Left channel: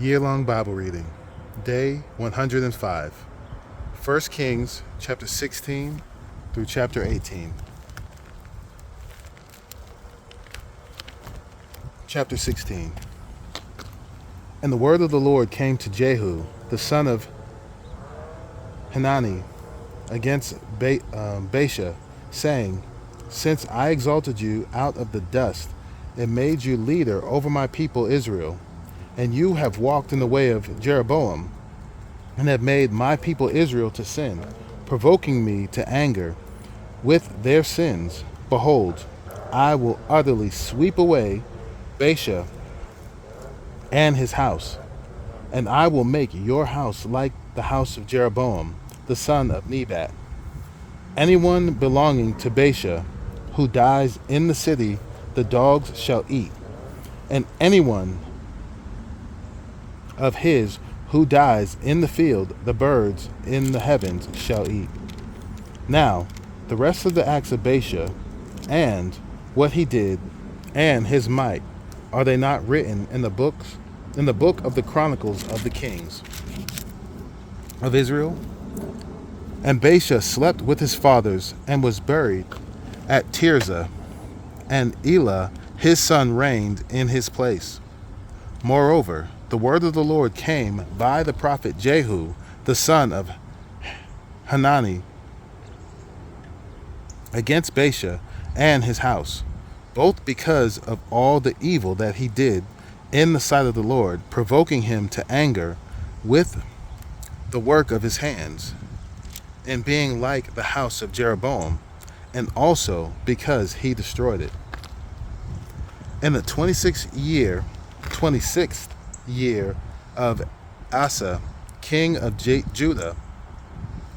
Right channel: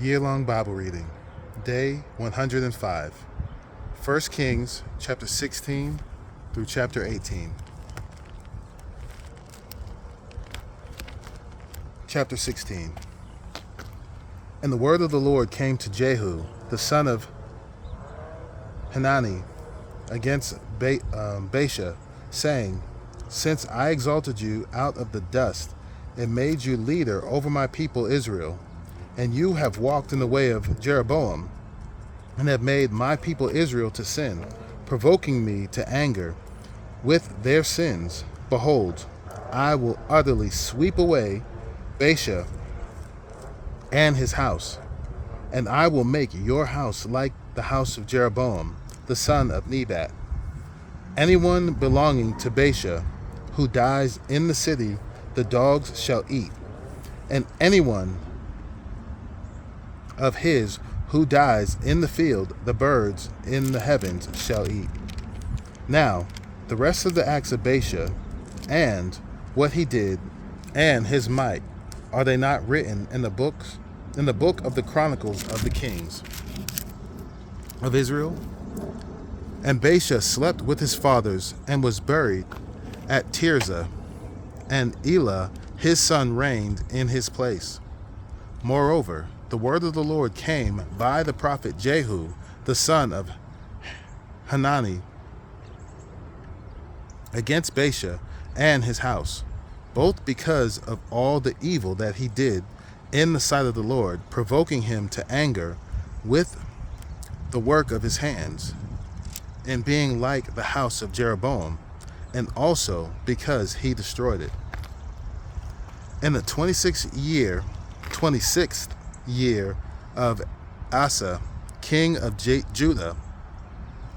Year-long Bible reading, day 105, 1 Kings chapter 16 through chapter 18. Chapter 16. And the word of the Lord came to Jehu, the son of Hanani, against Baasha, saying, Since I exalted you out of the dust and made you leader over my people Israel, and you have walked in the way of Jeroboam, and have made my people Israel to sin, provoking me to anger with their sins, behold, I will utterly sweep away Baasha and his house, and I will make your house like the house of Jeroboam, the son of Nebat. Anyone belonging to Baasha who dies in the city, the dogs shall eat, and anyone of his who dies in the field, the birds in the heavens shall eat. Now, the rest of the acts of Baasha, and what he did, and his might, are they not written in the book of the Chronicles of the Kings of Israel? And Baasha slept with his fathers, and was buried at Tirzah, and Elah his son reigned in his place. Moreover, the word of the Lord came by the prophet Jehu, the son of Hanani, against Baasha and his house, both because of all the evil that he did in the sight of the Lord, provoking him to anger with the work of his hands, and being like the house of Jeroboam, and also because he destroyed it. In the 26th year of Asa, king of Judah,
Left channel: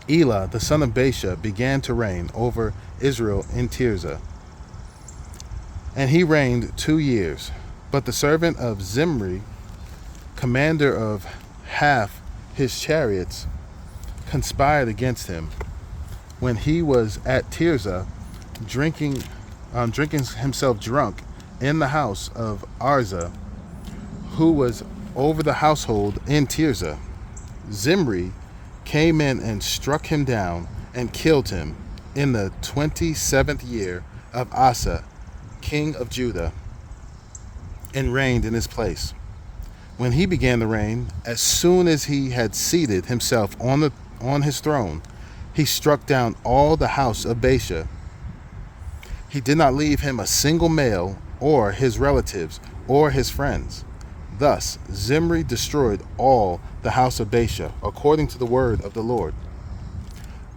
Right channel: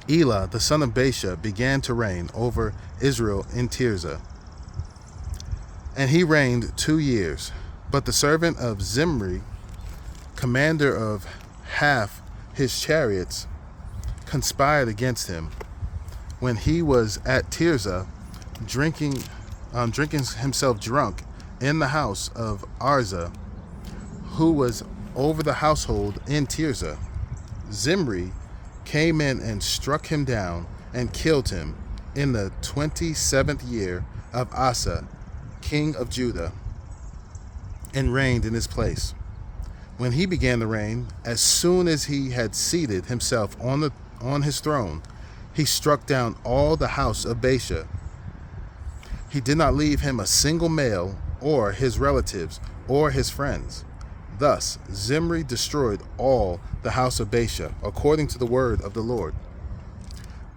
Elah, the son of Baasha, began to reign over Israel in Tirzah. And he reigned 2 years. But the servant of Zimri, commander of half his chariots, conspired against him when he was at Tirzah, drinking himself drunk in the house of Arza, who was over the household in Tirzah. Zimri came in and struck him down and killed him in the 27th year of Asa, king of Judah, and reigned in his place. When he began to reign, as soon as he had seated himself on his throne, he struck down all the house of Baasha. He did not leave him a single male, or his relatives, or his friends. Thus Zimri destroyed all the house of Baasha, according to the word of the Lord,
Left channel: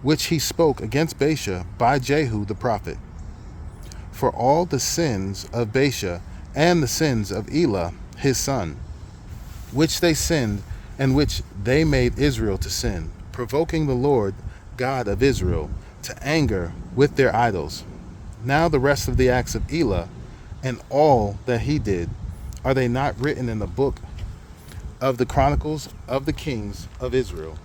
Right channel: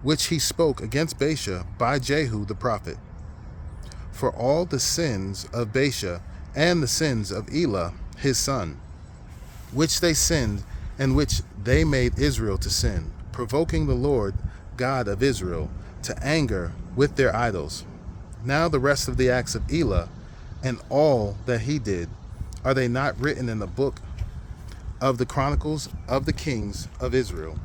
which he spoke against Baasha by Jehu the prophet. For all the sins of Baasha and the sins of Elah his son, which they sinned, and which they made Israel to sin, provoking the Lord God of Israel to anger with their idols. Now the rest of the acts of Elah, and all that he did, are they not written in the book of the Chronicles of the Kings of Israel?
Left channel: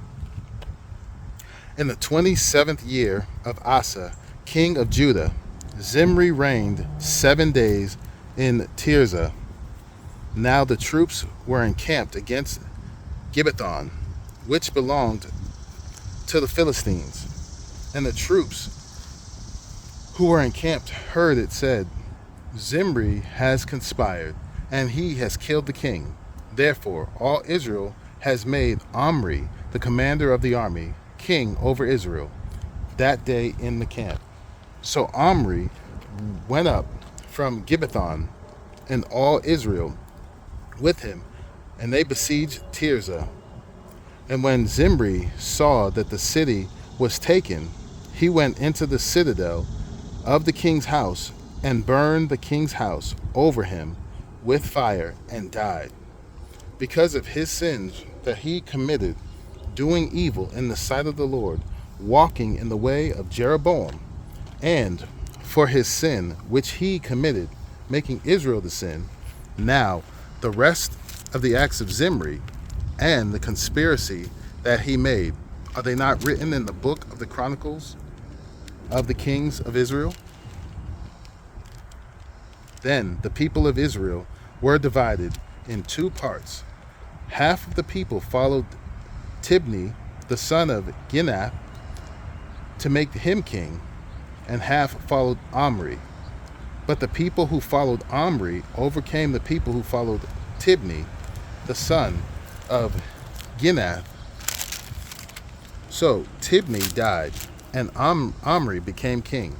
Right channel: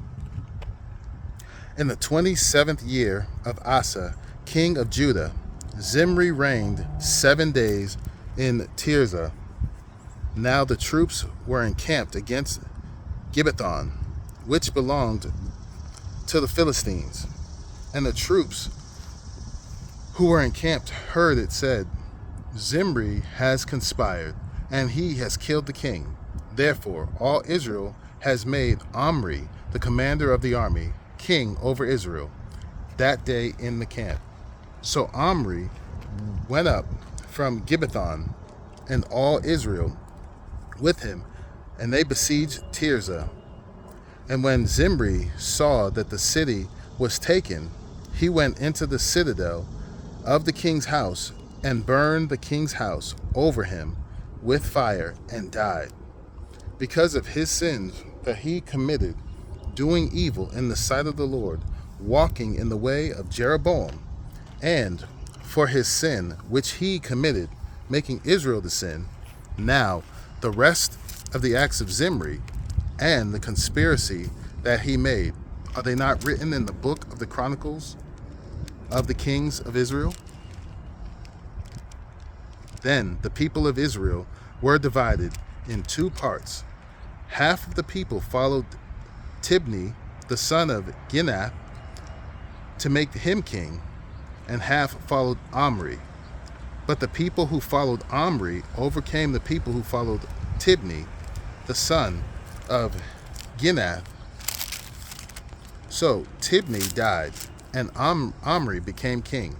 In the 27th year of Asa, king of Judah, Zimri reigned 7 days in Tirzah. Now the troops were encamped against Gibbethon, which belonged to the Philistines. And the troops who were encamped heard it said, Zimri has conspired, and he has killed the king. Therefore all Israel has made Omri, the commander of the army, king over Israel, that day in the camp. So Omri went up from Gibbethon, and all Israel with him, and they besieged Tirzah. And when Zimri saw that the city was taken, he went into the citadel of the king's house, and burned the king's house over him with fire, and died, because of his sins that he committed, doing evil in the sight of the Lord, walking in the way of Jeroboam, and for his sin which he committed, making Israel to sin. Now the rest of the acts of Zimri, and the conspiracy that he made, are they not written in the book of the Chronicles of the Kings of Israel? Then the people of Israel were divided in 2 parts. Half of the people followed Tibni, the son of Ginath, to make him king, and half followed Omri. But the people who followed Omri overcame the people who followed Tibni, the son of Ginath. So Tibni died, and Omri became king.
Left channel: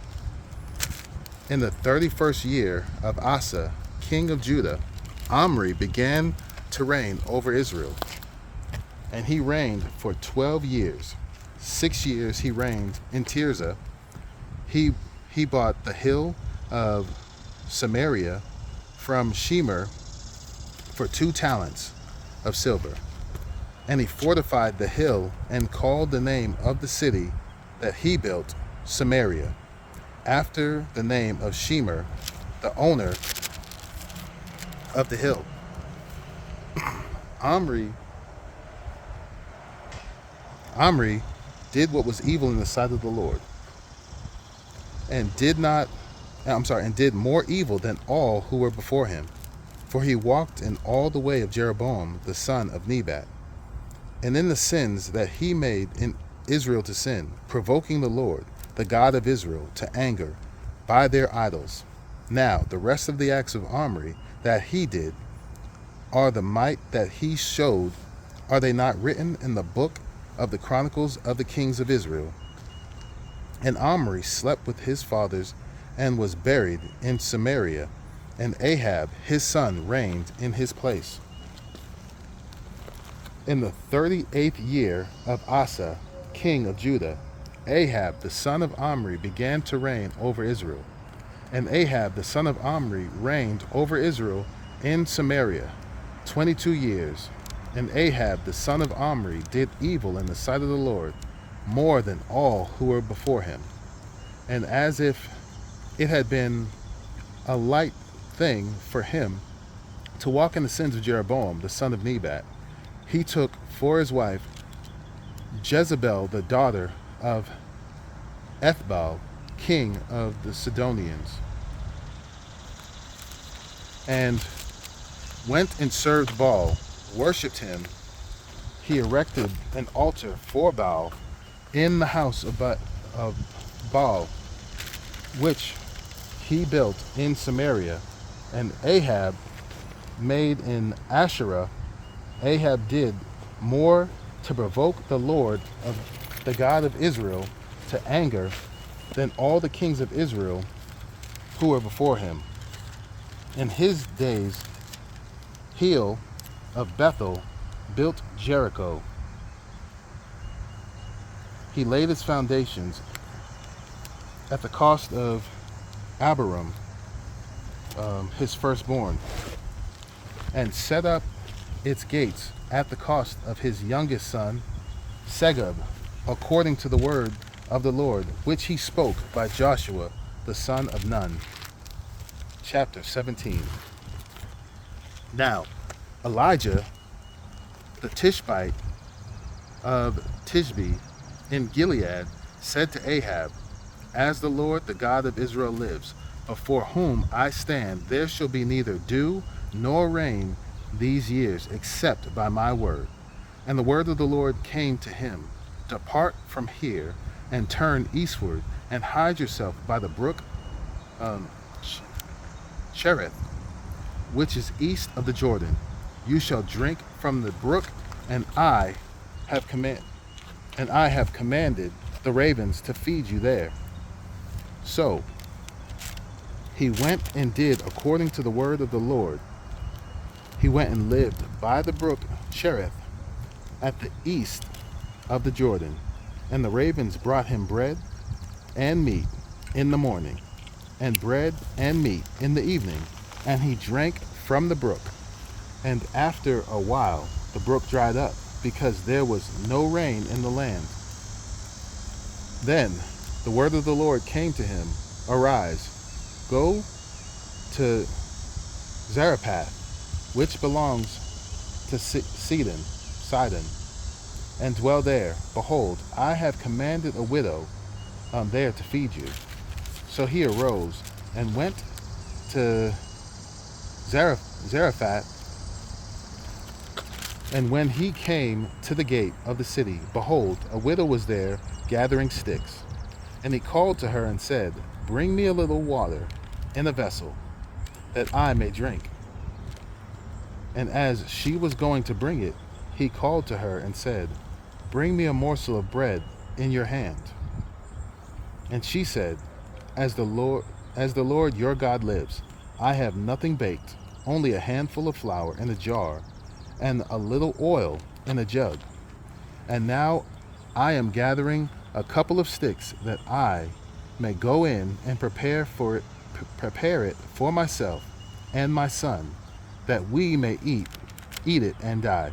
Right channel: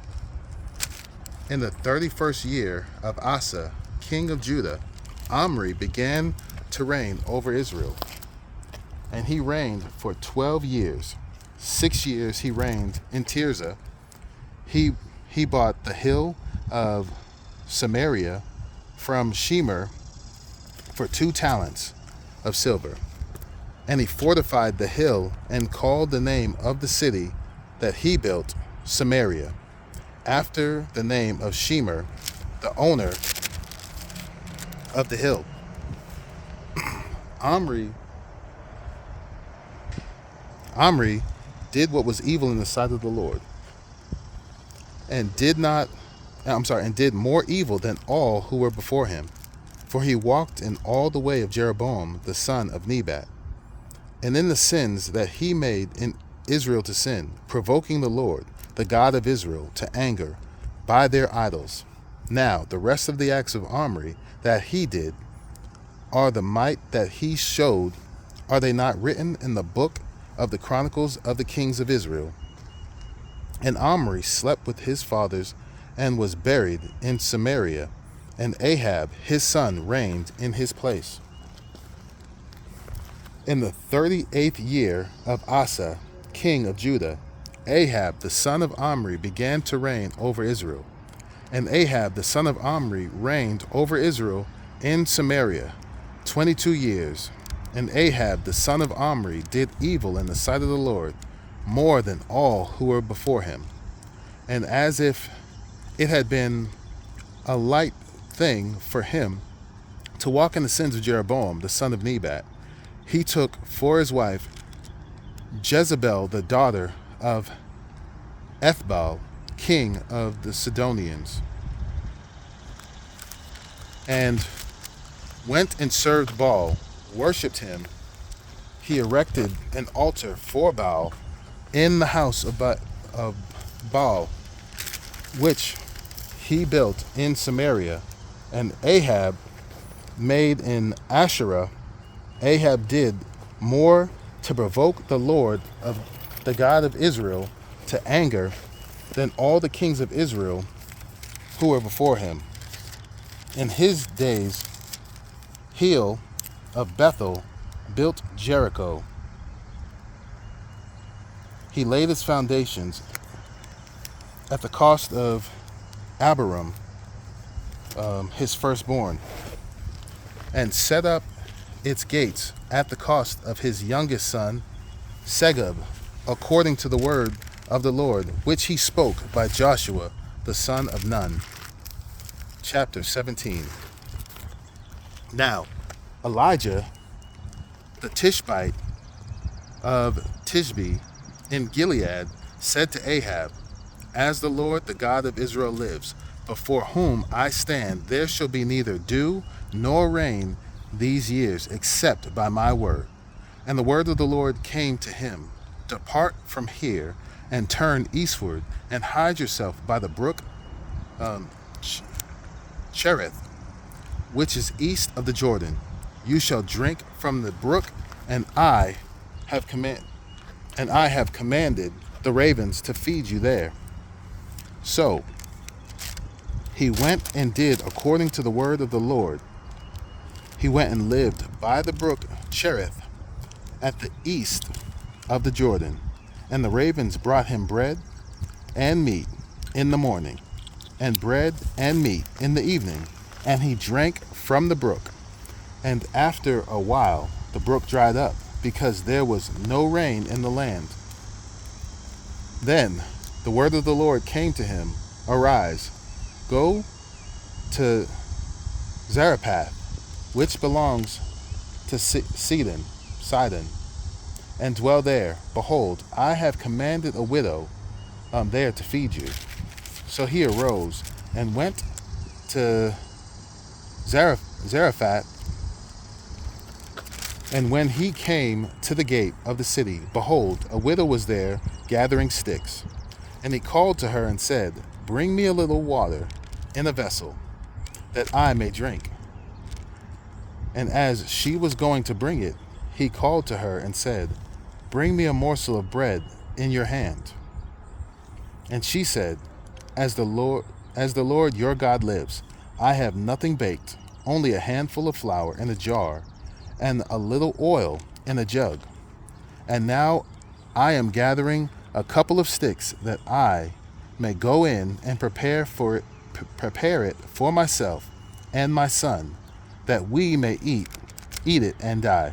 In the 31st year of Asa, king of Judah, Omri began to reign over Israel, and he reigned for 12 years. 6 years he reigned in Tirzah. He bought the hill of Samaria from Shemer for 2 talents of silver. And he fortified the hill and called the name of the city that he built Samaria, after the name of Shemer, the owner of the hill. Omri did what was evil in the sight of the Lord, and did more evil than all who were before him. For he walked in all the way of Jeroboam the son of Nebat, and in the sins that he made in Israel to sin, provoking the Lord, the God of Israel, to anger by their idols. Now the rest of the acts of Omri that he did, are the might that he showed, are they not written in the book of the Chronicles of the kings of Israel? And Omri slept with his fathers and was buried in Samaria, and Ahab his son reigned in his place. In the 38th year of Asa, king of Judah, Ahab the son of Omri began to reign over Israel. And Ahab the son of Omri reigned over Israel in Samaria 22 years. And Ahab the son of Omri did evil in the sight of the Lord, more than all who were before him. And as if it had been a light thing for him to walk in the sins of Jeroboam the son of Nebat, he took for his wife Jezebel the daughter of Ethbaal, king of the Sidonians, and went and served Baal, worshipped him. He erected an altar for Baal in the house of Baal, which he built in Samaria. And Ahab made in Asherah. Ahab did more to provoke the Lord, of the God of Israel, to anger than all the kings of Israel who were before him. In his days, Hiel of Bethel built Jericho. He laid its foundations at the cost of Abiram, his firstborn, and set up its gates at the cost of his youngest son, Segub, according to the word of the Lord, which he spoke by Joshua, the son of Nun. Chapter 17. Now, Elijah, the Tishbite of Tishbe in Gilead, said to Ahab, As the Lord, the God of Israel lives, before whom I stand, there shall be neither dew nor rain these years, except by my word. And the word of the Lord came to him, Depart from here, and turn eastward, and hide yourself by the brook Cherith, which is east of the Jordan. You shall drink from the brook, and I have commanded the ravens to feed you there. So he went and did according to the word of the Lord. He went and lived by the brook Cherith at the east of the Jordan, and the ravens brought him bread and meat in the morning, and bread and meat in the evening, and he drank from the brook. And after a while the brook dried up, because there was no rain in the land. Then the word of the Lord came to him, Arise, go to Zarephath, which belongs to Sidon, and dwell there. Behold, I have commanded a widow there to feed you. So he arose and went to Zarephath, And when he came to the gate of the city, behold, a widow was there gathering sticks. And he called to her and said, Bring me a little water in a vessel, that I may drink. And as she was going to bring it, he called to her and said, Bring me a morsel of bread in your hand. And she said, As the Lord your God lives, I have nothing baked, only a handful of flour in a jar, and a little oil in a jug. And now I am gathering a couple of sticks, that I may go in and prepare it for myself and my son, that we may eat it and die.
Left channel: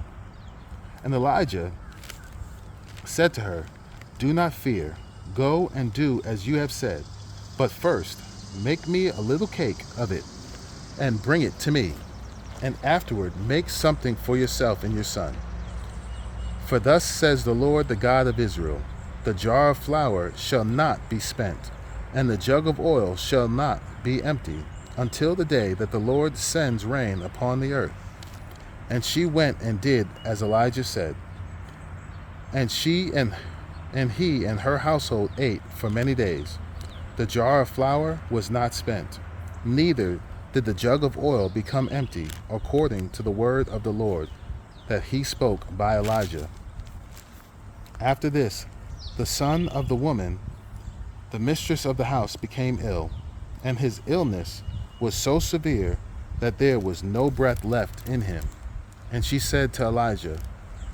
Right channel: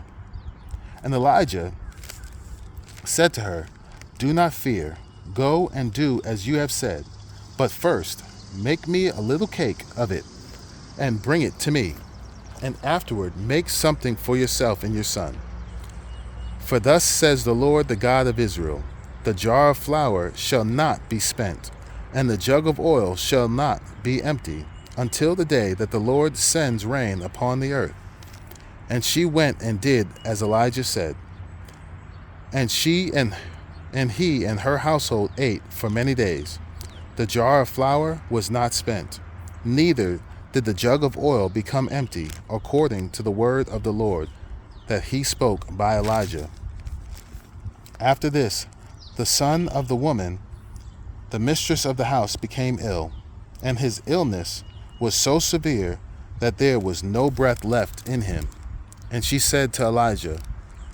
And Elijah said to her, Do not fear. Go and do as you have said. But first, make me a little cake of it and bring it to me. And afterward, make something for yourself and your son. For thus says the Lord, the God of Israel, the jar of flour shall not be spent, and the jug of oil shall not be empty, until the day that the Lord sends rain upon the earth. And she went and did as Elijah said. And she and he and her household ate for many days. The jar of flour was not spent, neither did the jug of oil become empty, according to the word of the Lord that he spoke by Elijah. After this, the son of the woman, the mistress of the house, became ill, and his illness was so severe that there was no breath left in him. And she said to Elijah,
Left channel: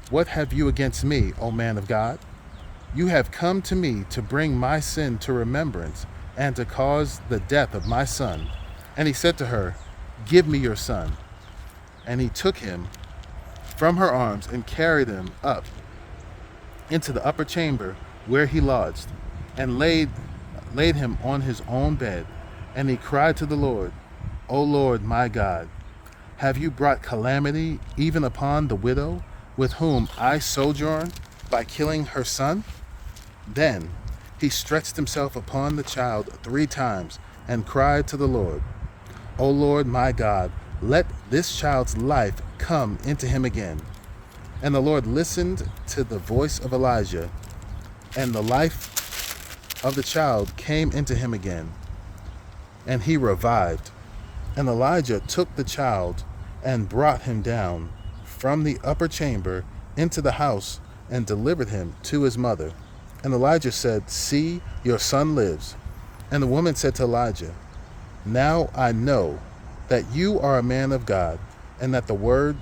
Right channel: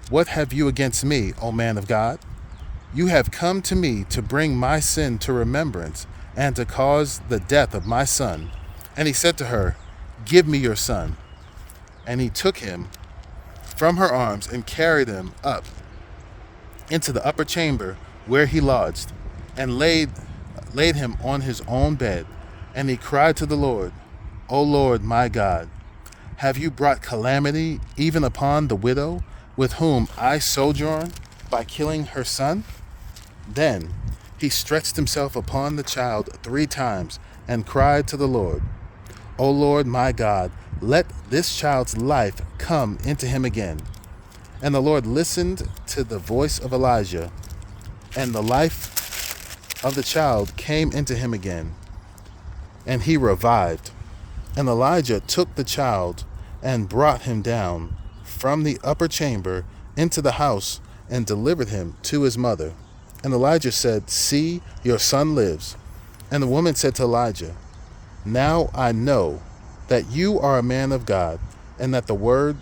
What have you against me, O man of God? You have come to me to bring my sin to remembrance and to cause the death of my son. And he said to her, Give me your son. And he took him from her arms and carried him up into the upper chamber where he lodged, and laid him on his own bed. And he cried to the Lord, O Lord my God, have you brought calamity even upon the widow with whom I sojourn by killing her son? Then he stretched himself upon the child 3 times and cried to the Lord, O Lord my God, let this child's life come into him again. And the Lord listened to the voice of Elijah, and the life of the child came into him again, and he revived. And Elijah took the child and brought him down from the upper chamber into the house and delivered him to his mother. And Elijah said, See, your son lives. And the woman said to Elijah, Now I know that you are a man of God, and that the word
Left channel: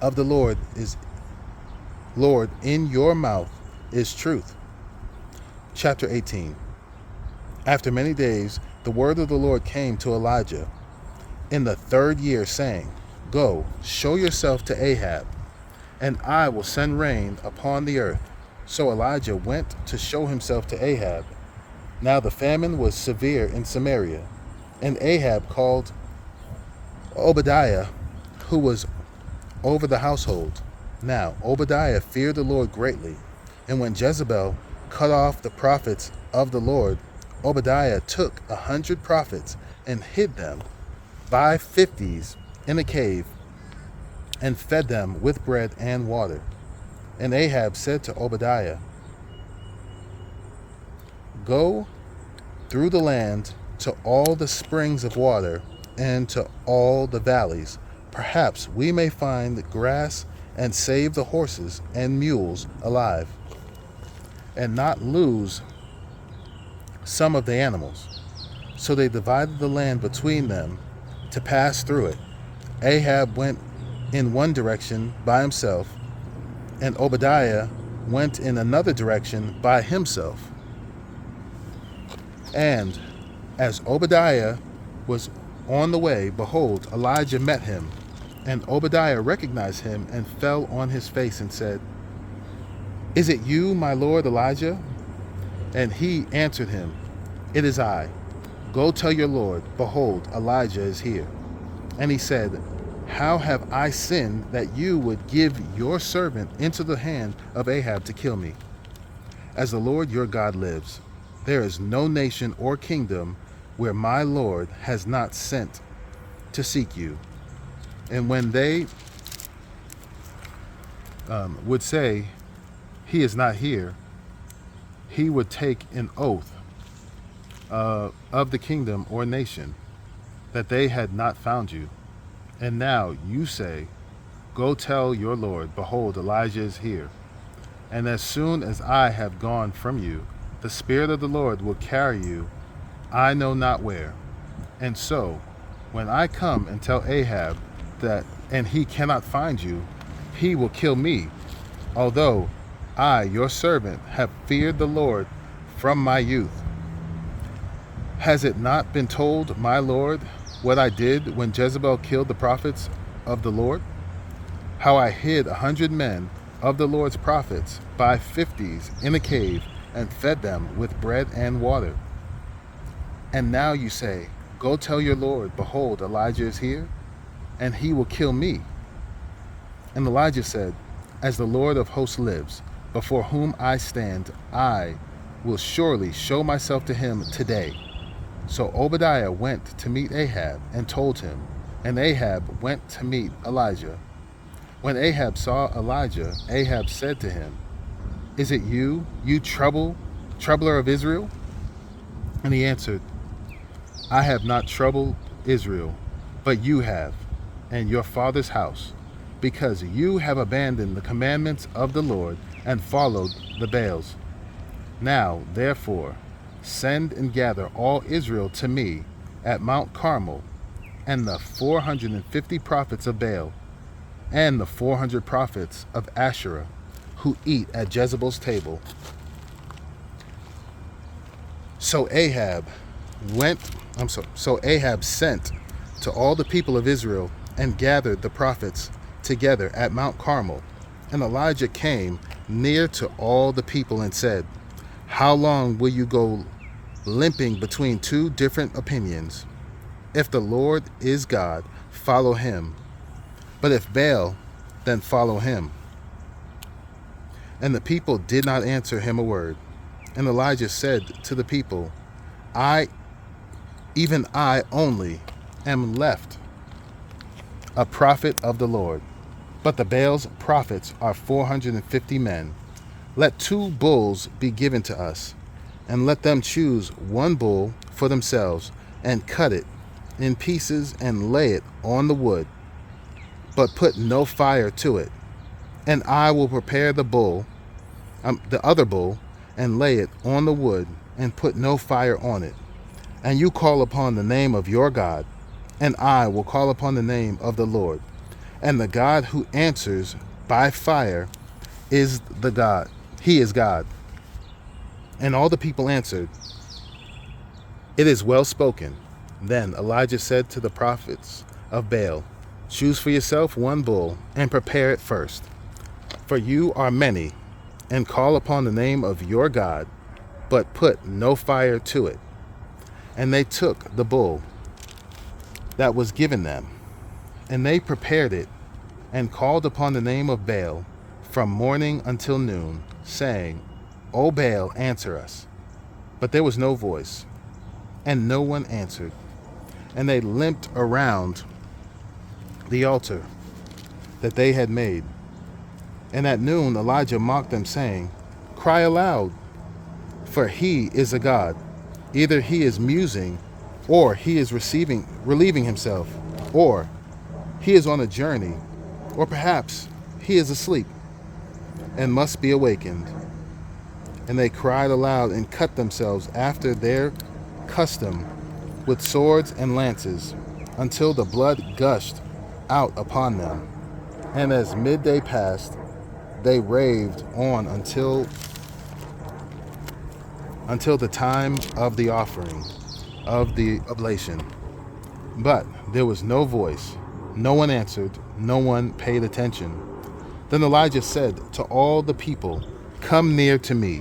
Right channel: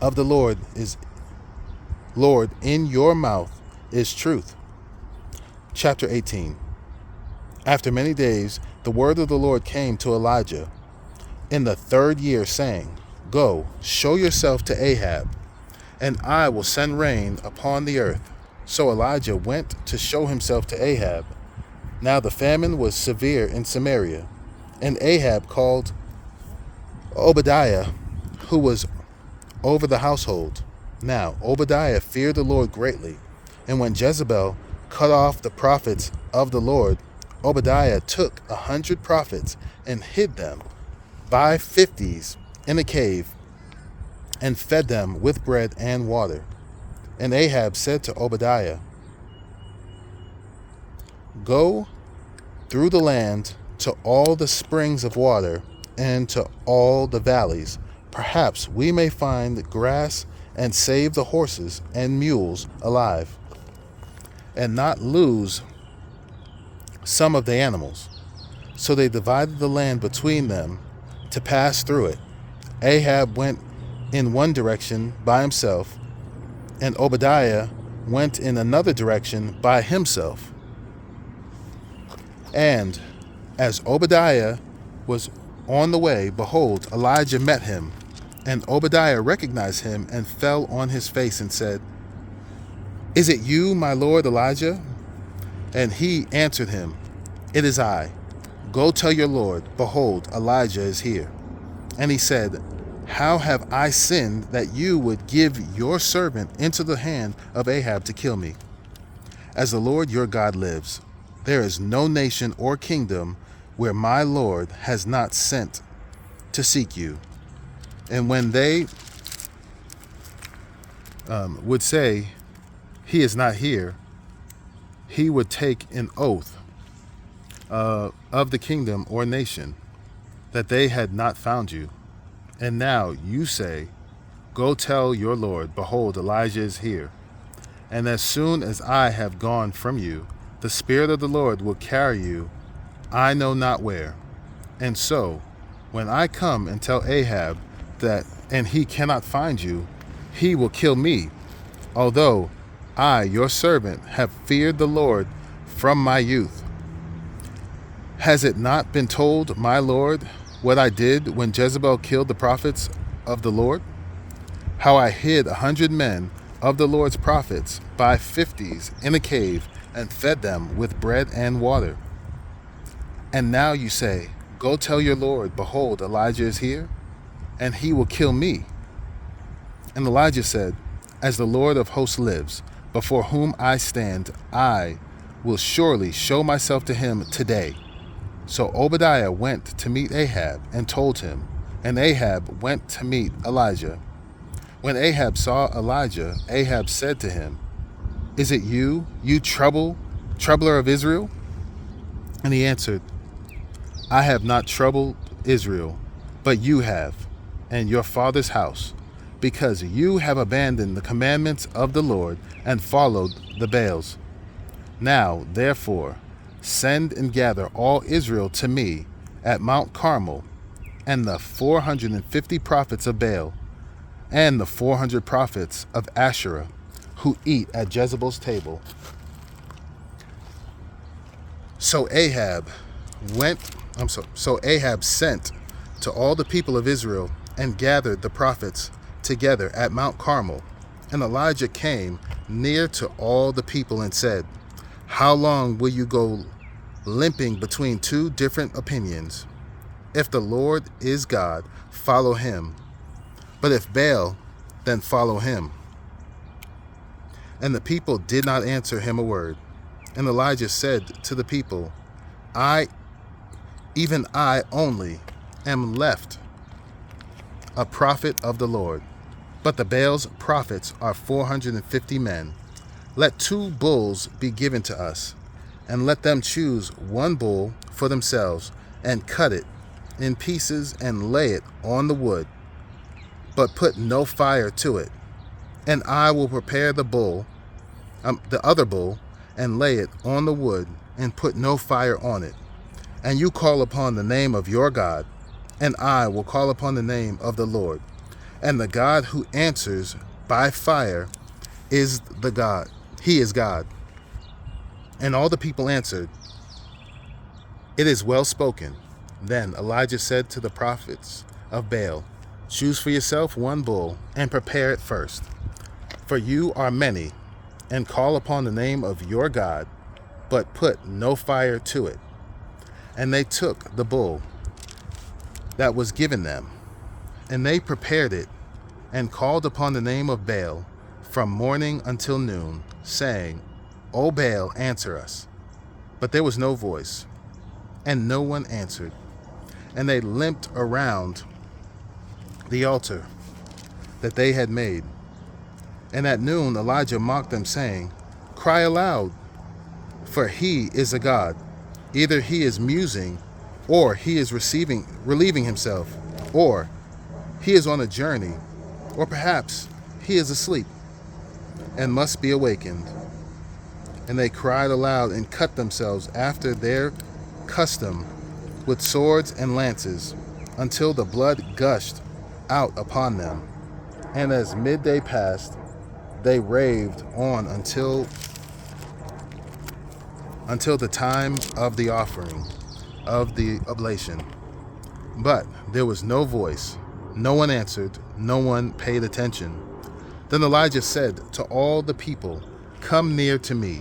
of the Lord in your mouth is truth. Chapter 18. After many days, the word of the Lord came to Elijah in the 3rd year, saying, Go, show yourself to Ahab, and I will send rain upon the earth. So Elijah went to show himself to Ahab. Now the famine was severe in Samaria, and Ahab called Obadiah, who was over the household. Now Obadiah feared the Lord greatly, and when Jezebel cut off the prophets of the Lord, Obadiah took 100 prophets and hid them by 50s in a cave, and fed them with bread and water. And Ahab said to Obadiah, Go through the land to all the springs of water and to all the valleys. Perhaps we may find grass and save the horses and mules alive, and not lose some of the animals. So they divided the land between them to pass through it. Ahab went in one direction by himself, and Obadiah went in another direction by himself. And as Obadiah was on the way, behold, Elijah met him. And Obadiah recognized him and fell on his face and said, Is it you, my lord Elijah? And he answered him, It is I. Go tell your lord, behold, Elijah is here. And he said, How have I sinned that you would give your servant into the hand of Ahab to kill me? As the Lord your God lives, there is no nation or kingdom where my Lord has not sent to seek you. And when they would say, he is not here, he would take an oath of the kingdom or nation that they had not found you. And now you say, go tell your Lord, behold, Elijah is here. And as soon as I have gone from you, the Spirit of the Lord will carry you, I know not where. And so, when I come and tell Ahab that, and he cannot find you, he will kill me, although I, your servant, have feared the Lord from my youth. Has it not been told, my Lord, what I did when Jezebel killed the prophets of the Lord? How I hid 100 men of the Lord's prophets by 50s in a cave and fed them with bread and water. And now you say, go tell your Lord, behold, Elijah is here, and he will kill me. And Elijah said, as the Lord of hosts lives, before whom I stand, I will surely show myself to him today. So Obadiah went to meet Ahab and told him, and Ahab went to meet Elijah. When Ahab saw Elijah, Ahab said to him, is it you, you troubler of Israel? And he answered, I have not troubled Israel, but you have, and your father's house, because you have abandoned the commandments of the Lord and followed the Baals. Now, therefore, send and gather all Israel to me at Mount Carmel, and the 450 prophets of Baal, and the 400 prophets of Asherah, who eat at Jezebel's table. So Ahab sent to all the people of Israel and gathered the prophets together at Mount Carmel. And Elijah came near to all the people and said, how long will you go limping between two different opinions? If the Lord is God, follow him. But if Baal, then follow him. And the people did not answer him a word. And Elijah said to the people, even I only, am left a prophet of the Lord. But the Baal's prophets are 450 men. Let 2 bulls be given to us, and let them choose 1 bull for themselves, and cut it in pieces and lay it on the wood, but put no fire to it. And I will prepare the other bull, and lay it on the wood, and put no fire on it. And you call upon the name of your God, and I will call upon the name of the Lord. And the God who answers by fire is the God. He is God. And all the people answered, it is well spoken. Then Elijah said to the prophets of Baal, choose for yourself 1 bull, and prepare it first. For you are many, and call upon the name of your God, but put no fire to it. And they took the bull that was given them, and they prepared it, and called upon the name of Baal from morning until noon, saying, O Baal, answer us. But there was no voice, and no one answered. And they limped around the altar that they had made. And at noon Elijah mocked them, saying, cry aloud, for he is a god. Either he is musing, or he is relieving himself, or he is on a journey, or perhaps he is asleep and must be awakened. And they cried aloud and cut themselves after their custom with swords and lances, until the blood gushed out upon them. And as midday passed, they raved on until the time of the offering of the oblation. But there was no voice, no one answered, no one paid attention. Then Elijah said to all the people, come near to me.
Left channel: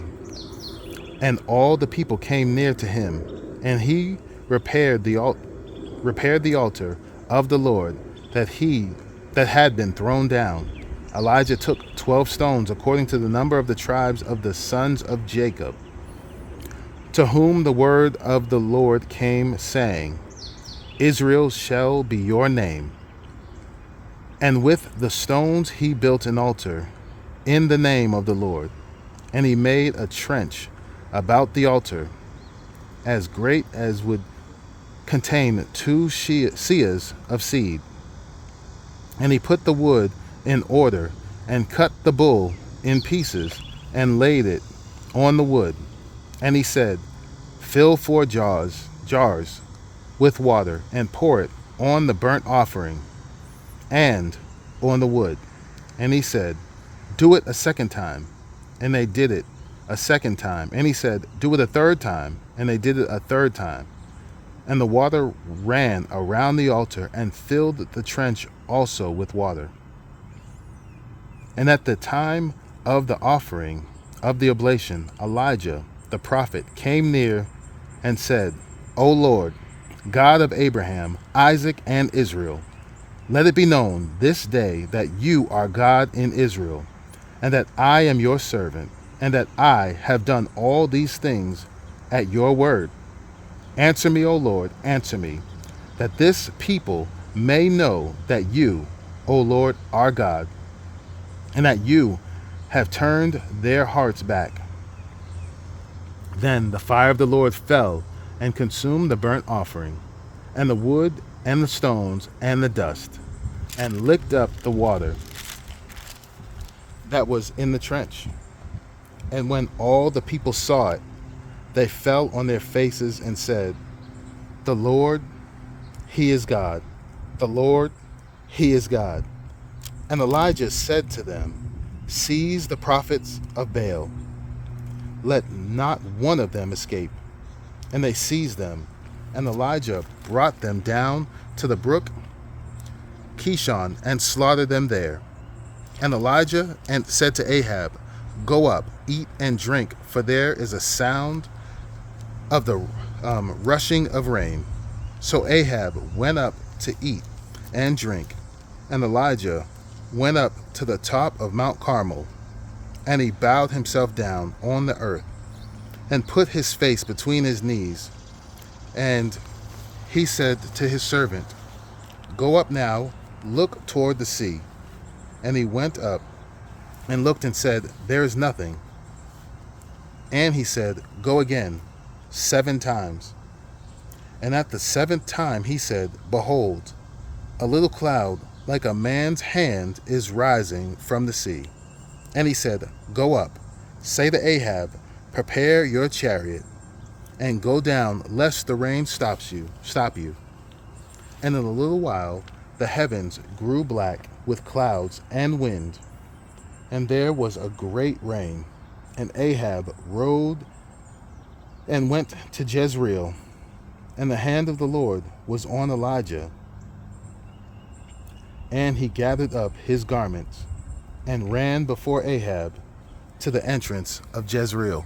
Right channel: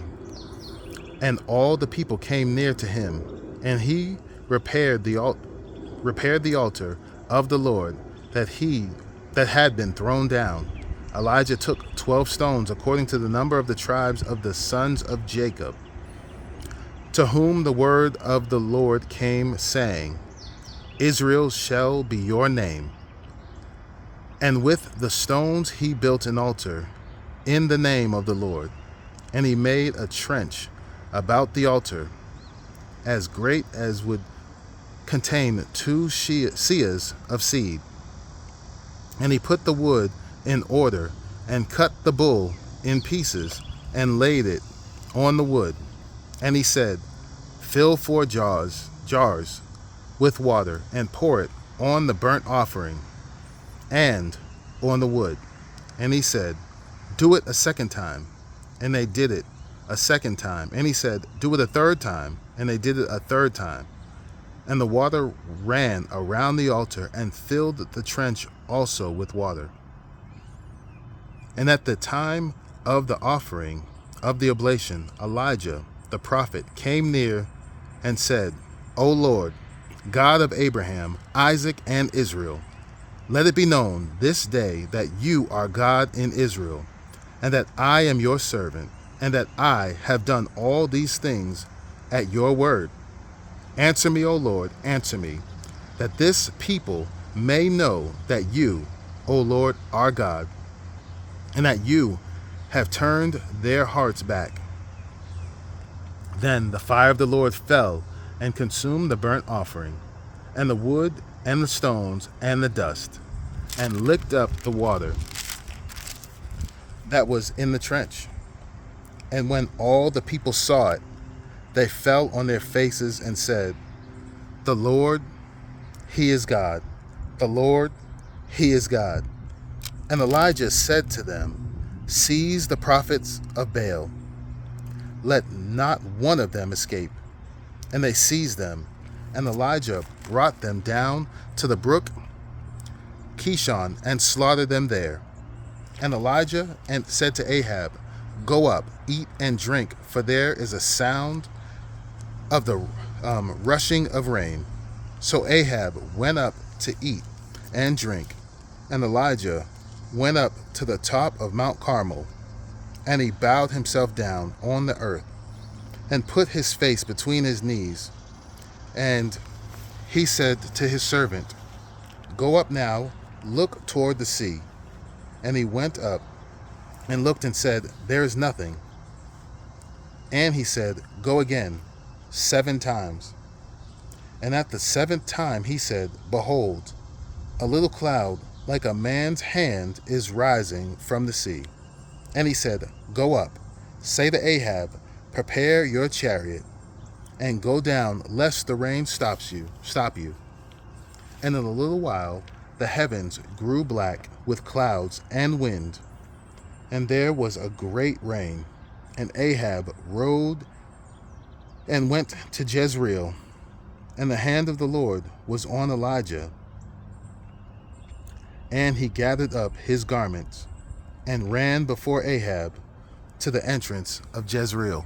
And all the people came near to him, and he repaired the altar of the Lord that had been thrown down. Elijah took 12 stones according to the number of the tribes of the sons of Jacob, to whom the word of the Lord came, saying, Israel shall be your name. And with the stones he built an altar in the name of the Lord. And he made a trench about the altar as great as would contain 2 seahs of seed. And he put the wood in order and cut the bull in pieces and laid it on the wood. And he said, fill 4 jars with water and pour it on the burnt offering and on the wood. And he said, do it a second time. And they did it a second time. And he said, do it a third time. And they did it a third time. And the water ran around the altar and filled the trench also with water. And at the time of the offering of the oblation, Elijah the prophet came near and said, O Lord, God of Abraham, Isaac, and Israel, let it be known this day that you are God in Israel, and that I am your servant, and that I have done all these things at your word. Answer me, O Lord, answer me, that this people may know that you, O Lord, are God, and that you have turned their hearts back. Then the fire of the Lord fell and consumed the burnt offering, and the wood, and the stones, and the dust, and licked up the water that was in the trench. And when all the people saw it, they fell on their faces and said, the Lord, he is God. The Lord, he is God. And Elijah said to them, seize the prophets of Baal. Let not one of them escape. And they seized them. And Elijah brought them down to the brook Kishon and slaughtered them there. And Elijah said to Ahab, go up, eat and drink, for there is a sound of the rushing of rain. So Ahab went up to eat and drink, and Elijah went up to the top of Mount Carmel, and he bowed himself down on the earth, and put his face between his knees. And he said to his servant, go up now, look toward the sea. And he went up and looked and said, there is nothing. And he said, go again 7 times. And at the 7th time he said, behold, a little cloud like a man's hand is rising from the sea. And he said, go up, say to Ahab, prepare your chariot, and go down, lest the rain stop you. And in a little while the heavens grew black with clouds and wind, and there was a great rain. And Ahab rode and went to Jezreel, and the hand of the Lord was on Elijah. And he gathered up his garments and ran before Ahab to the entrance of Jezreel.